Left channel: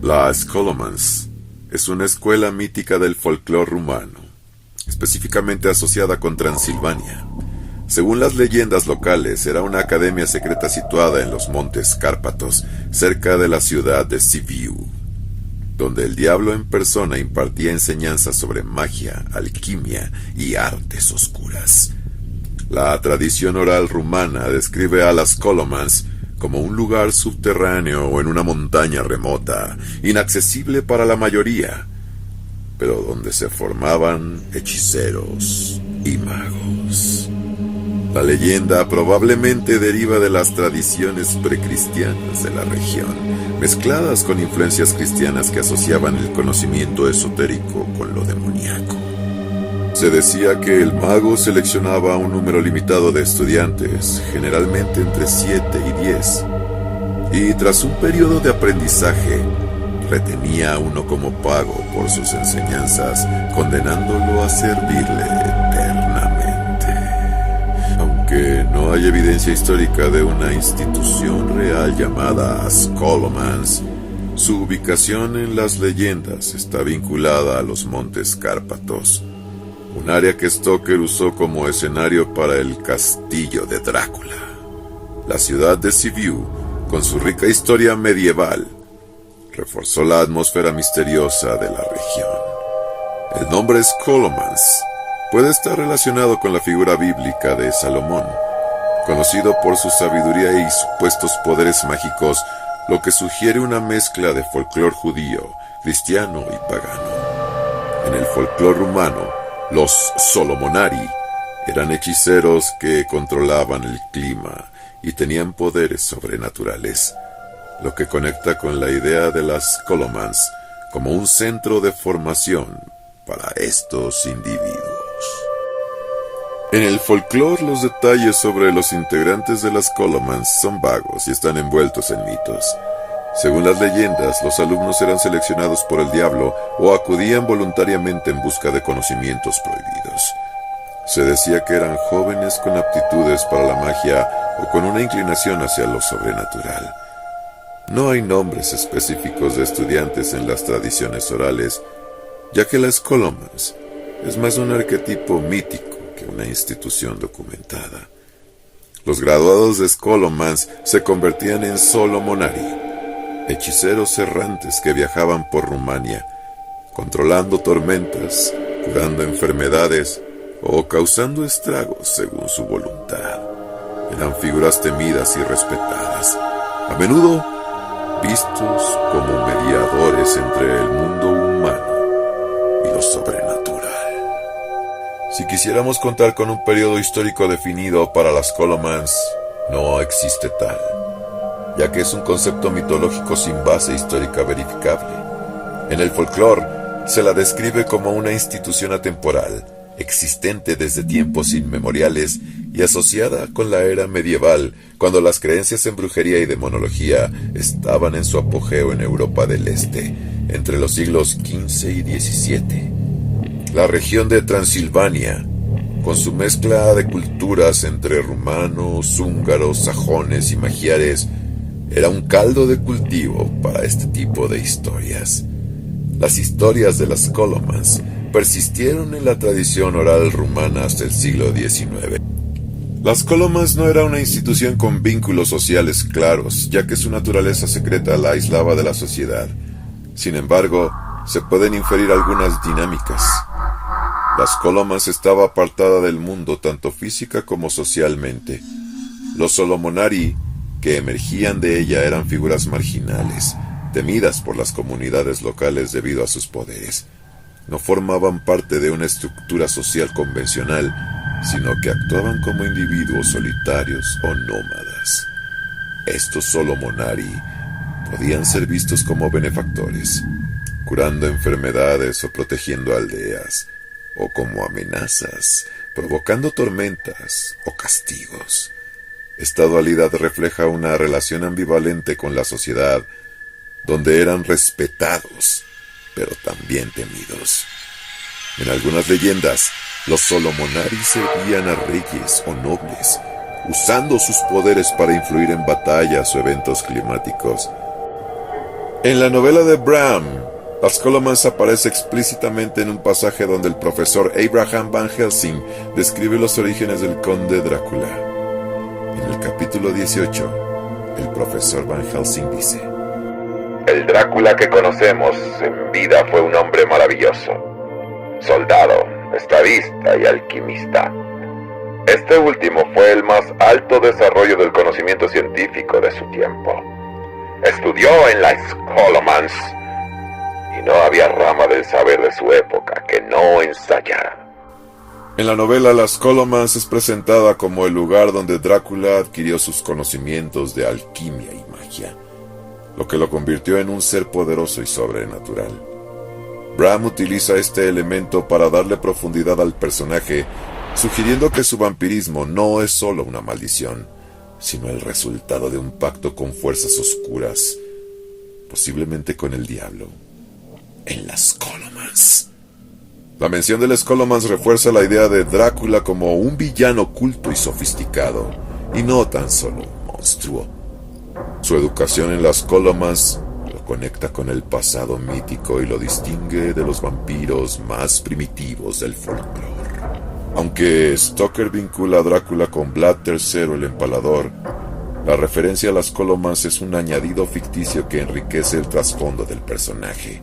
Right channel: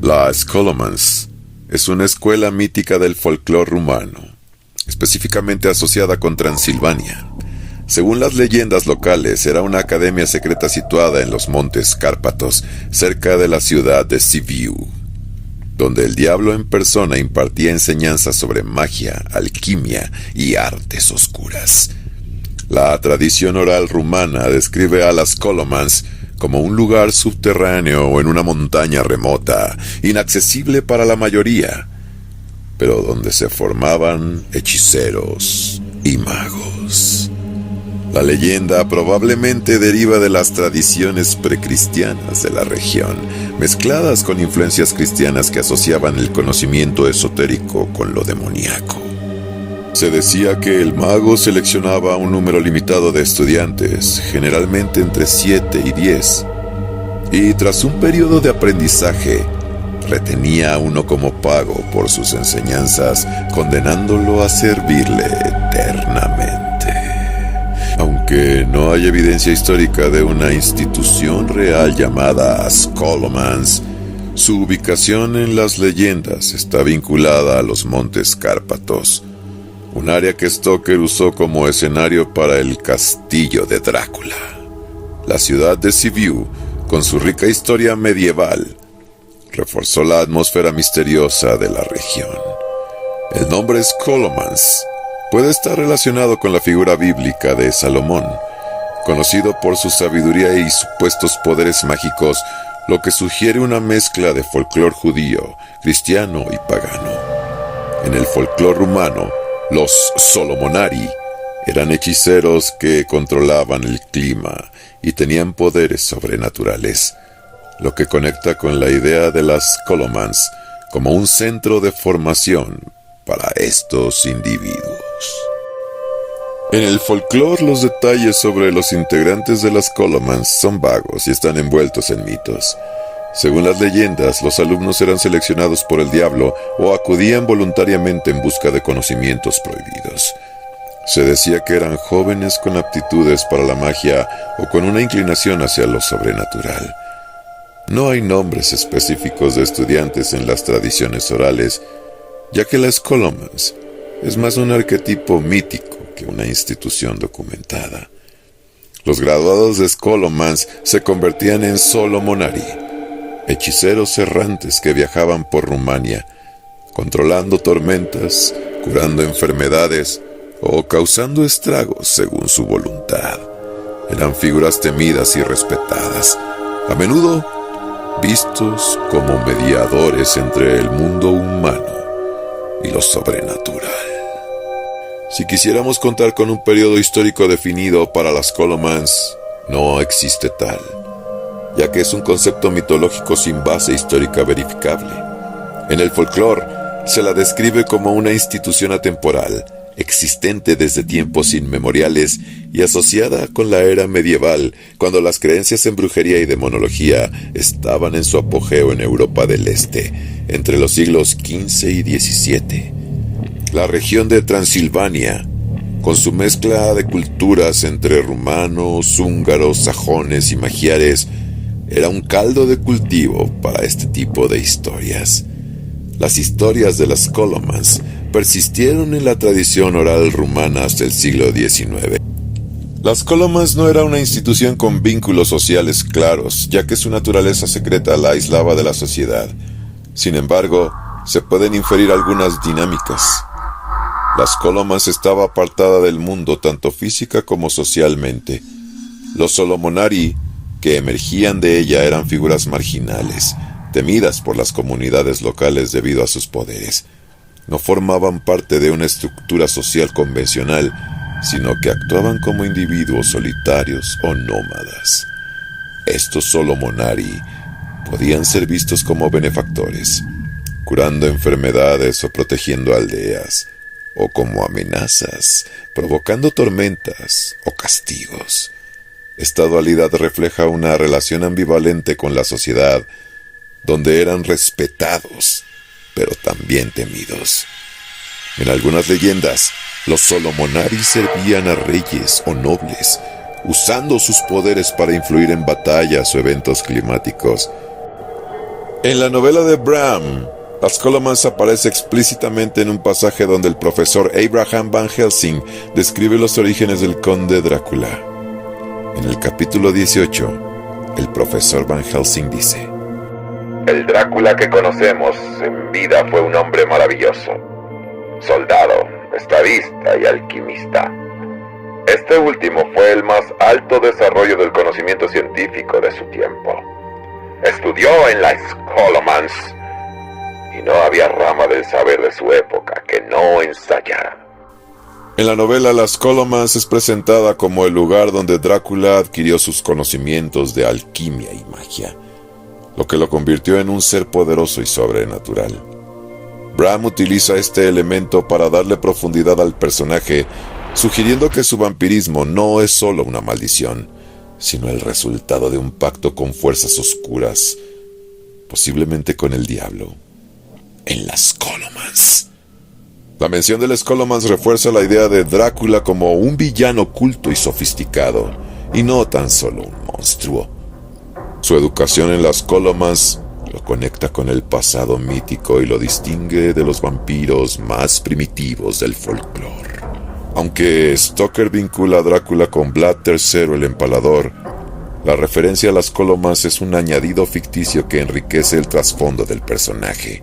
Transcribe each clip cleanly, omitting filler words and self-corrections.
La Scholomance es una escuela mítica del folclore rumano, específicamente asociada con Transilvania. Según las leyendas locales, era una academia secreta situada en los montes Cárpatos, cerca de la ciudad de Sibiu, donde el diablo en persona impartía enseñanzas sobre magia, alquimia y artes oscuras. La tradición oral rumana describe a las Scholomance como un lugar subterráneo o en una montaña remota, inaccesible para la mayoría, pero donde se formaban hechiceros y magos. La leyenda probablemente deriva de las tradiciones precristianas de la región, mezcladas con influencias cristianas que asociaban el conocimiento esotérico con lo demoníaco. Se decía que el mago seleccionaba un número limitado de estudiantes, generalmente entre 7 y 10, y tras un periodo de aprendizaje, retenía a uno como pago por sus enseñanzas, condenándolo a servirle eternamente. Aunque no hay evidencia histórica de una institución real llamada Scholomance, su ubicación en las leyendas está vinculada a los montes Cárpatos, un área que Stoker usó como escenario para el castillo de Drácula. La ciudad de Sibiu, con su rica historia medieval, reforzó la atmósfera misteriosa de la región. El nombre Scholomance puede estar relacionado con la figura bíblica de Salomón, conocido por su sabiduría y supuestos poderes mágicos, lo que sugiere una mezcla de folclore judío, cristiano y pagano. En el folclore rumano, los Solomonari eran hechiceros que controlaban el clima y tenían poderes sobrenaturales, lo que conecta con la idea de las Scholomance como un centro de formación para estos individuos. En el folclore, los detalles sobre los integrantes de las Scholomance son vagos y están envueltos en mitos. Según las leyendas, los alumnos eran seleccionados por el diablo o acudían voluntariamente en busca de conocimientos prohibidos. Se decía que eran jóvenes con aptitudes para la magia o con una inclinación hacia lo sobrenatural. No hay nombres específicos de estudiantes en las tradiciones orales, ya que la Scholomance es más un arquetipo mítico que una institución documentada. Los graduados de Scholomance se convertían en Solomonari, hechiceros errantes que viajaban por Rumania, controlando tormentas, curando enfermedades o causando estragos según su voluntad. Eran figuras temidas y respetadas, a menudo vistos como mediadores entre el mundo humano y lo sobrenatural. Si quisiéramos contar con un periodo histórico definido para las Scholomance, no existe tal, ya que es un concepto mitológico sin base histórica verificable. En el folclore se la describe como una institución atemporal, existente desde tiempos inmemoriales y asociada con la era medieval, cuando las creencias en brujería y demonología estaban en su apogeo en Europa del Este, entre los siglos XV y XVII. La región de Transilvania, con su mezcla de culturas entre rumanos, húngaros, sajones y magiares, era un caldo de cultivo para este tipo de historias. Las historias de las Scholomance persistieron en la tradición oral rumana hasta el siglo XIX. Las Scholomance no era una institución con vínculos sociales claros, ya que su naturaleza secreta la aislaba de la sociedad. Sin embargo, se pueden inferir algunas dinámicas. Las Scholomance estaba apartada del mundo tanto física como socialmente. Los Solomonari que emergían de ella eran figuras marginales, temidas por las comunidades locales debido a sus poderes. No formaban parte de una estructura social convencional, sino que actuaban como individuos solitarios o nómadas. Estos Solomonari podían ser vistos como benefactores, curando enfermedades o protegiendo aldeas, o como amenazas, provocando tormentas o castigos. Esta dualidad refleja una relación ambivalente con la sociedad, donde eran respetados, pero también temidos. En algunas leyendas, los Solomonari servían a reyes o nobles, usando sus poderes para influir en batallas o eventos climáticos. En la novela de Bram, las Scholomans aparece explícitamente en un pasaje donde el profesor Abraham Van Helsing describe los orígenes del conde Drácula. En el capítulo 18, el profesor Van Helsing dice: el Drácula que conocemos en vida fue un hombre maravilloso, soldado, estadista y alquimista. Este último fue el más alto desarrollo del conocimiento científico de su tiempo. Estudió en la Scholomans y no había rama del saber de su época que no ensayara. En la novela, las Scholomans es presentada como el lugar donde Drácula adquirió sus conocimientos de alquimia y magia, lo que lo convirtió en un ser poderoso y sobrenatural. Bram utiliza este elemento para darle profundidad al personaje, sugiriendo que su vampirismo no es solo una maldición, sino el resultado de un pacto con fuerzas oscuras, posiblemente con el diablo, en las Scholomans. La mención de las Scholomans refuerza la idea de Drácula como un villano oculto y sofisticado, y no tan solo un monstruo. Su educación en las Scholomans lo conecta con el pasado mítico y lo distingue de los vampiros más primitivos del folclore. Aunque Stoker vincula a Drácula con Vlad III el Empalador, la referencia a las Scholomans es un añadido ficticio que enriquece el trasfondo del personaje.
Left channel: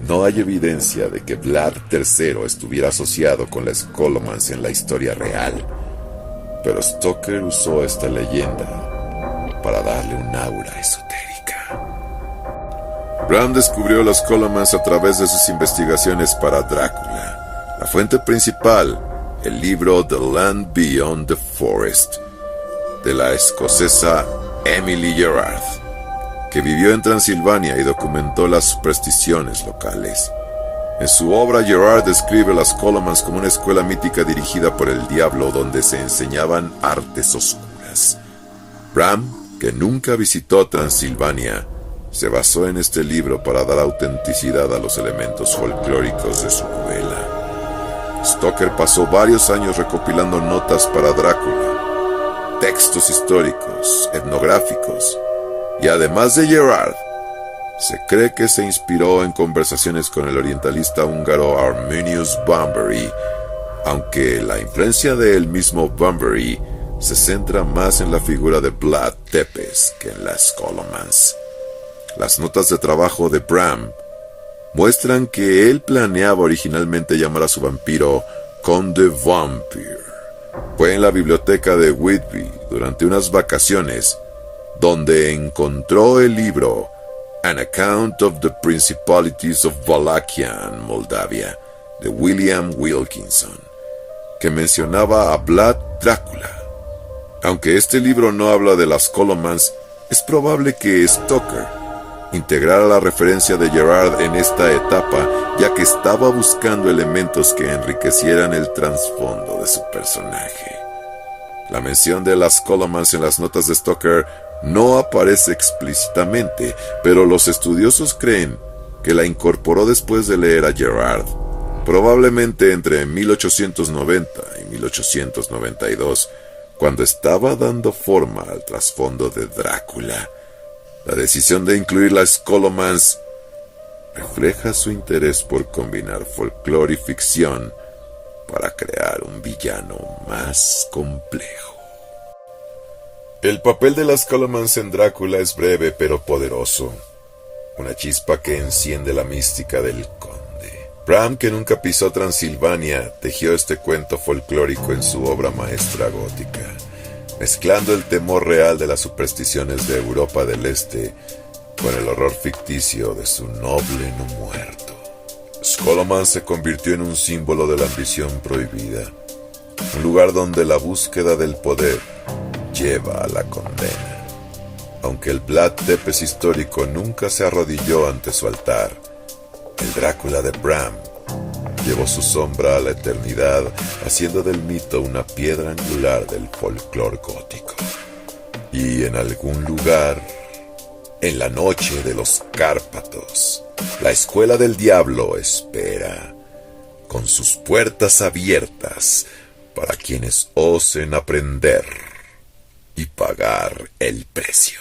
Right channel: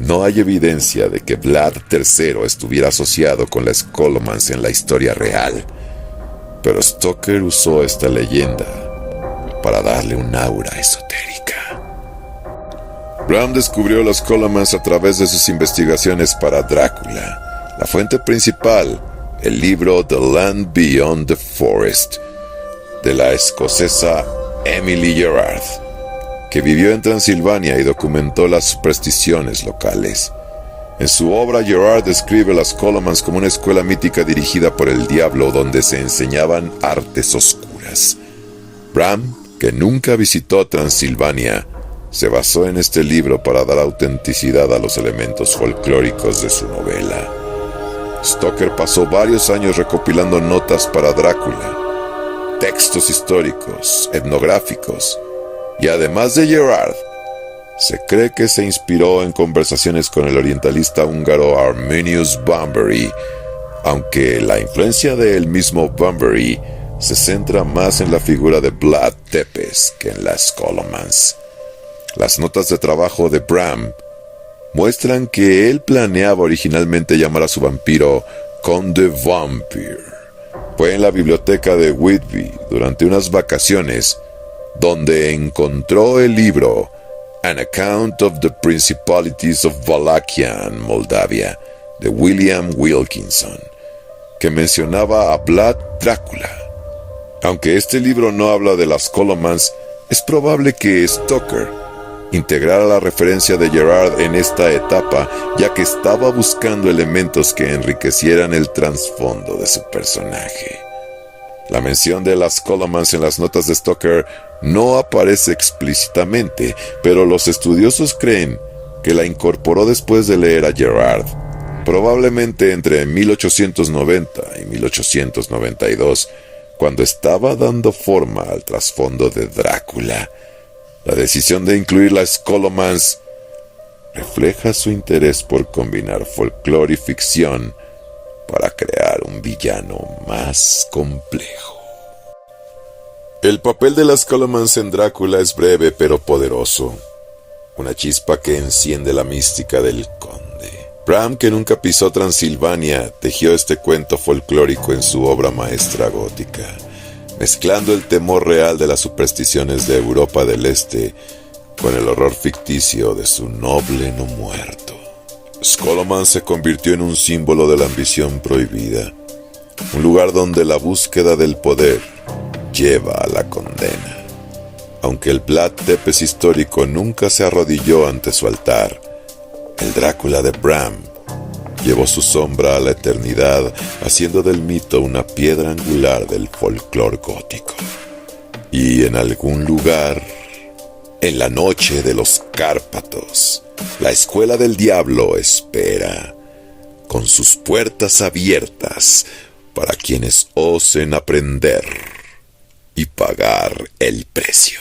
No hay evidencia de que Vlad III estuviera asociado con las Scholomans en la historia real, pero Stoker usó esta leyenda para darle un aura esotérica. Bram descubrió las Scholomans a través de sus investigaciones para Drácula. La fuente principal, el libro The Land Beyond the Forest, de la escocesa Emily Gerard, que vivió en Transilvania y documentó las supersticiones locales. En su obra, Gerard describe las Scholomans como una escuela mítica dirigida por el diablo donde se enseñaban artes oscuras. Bram, que nunca visitó Transilvania, se basó en este libro para dar autenticidad a los elementos folclóricos de su novela. Stoker pasó varios años recopilando notas para Drácula, textos históricos, etnográficos, y además de Gerard, se cree que se inspiró en conversaciones con el orientalista húngaro Arminius Bunbury, aunque la influencia del mismo Bunbury se centra más en la figura de Vlad Tepes que en las Scholomans. Las notas de trabajo de Bram muestran que él planeaba originalmente llamar a su vampiro Conde Vampire. Fue en la biblioteca de Whitby durante unas vacaciones donde encontró el libro An Account of the Principalities of Wallachia and Moldavia de William Wilkinson, que mencionaba a Vlad Drácula. Aunque este libro no habla de las Scholomans, es probable que Stoker integrara la referencia de Gerard en esta etapa, ya que estaba buscando elementos que enriquecieran el trasfondo de su personaje. La mención de las Scholomans en las notas de Stoker no aparece explícitamente, pero los estudiosos creen que la incorporó después de leer a Gerard, probablemente entre 1890 y 1892, cuando estaba dando forma al trasfondo de Drácula. La decisión de incluir las Scholomans refleja su interés por combinar folclore y ficción para crear un villano más complejo. El papel de las Scholomans en Drácula es breve pero poderoso, una chispa que enciende la mística del conde. Bram, que nunca pisó Transilvania, tejió este cuento folclórico en su obra maestra gótica, mezclando el temor real de las supersticiones de Europa del Este con el horror ficticio de su noble no muerto. Scholomans se convirtió en un símbolo de la ambición prohibida, un lugar donde la búsqueda del poder lleva a la condena. Aunque el Vlad Tepes histórico nunca se arrodilló ante su altar, el Drácula de Bram llevó su sombra a la eternidad, haciendo del mito una piedra angular del folclore gótico. Y en algún lugar, en la noche de los Cárpatos, la escuela del diablo espera, con sus puertas abiertas para quienes osen aprender y pagar el precio.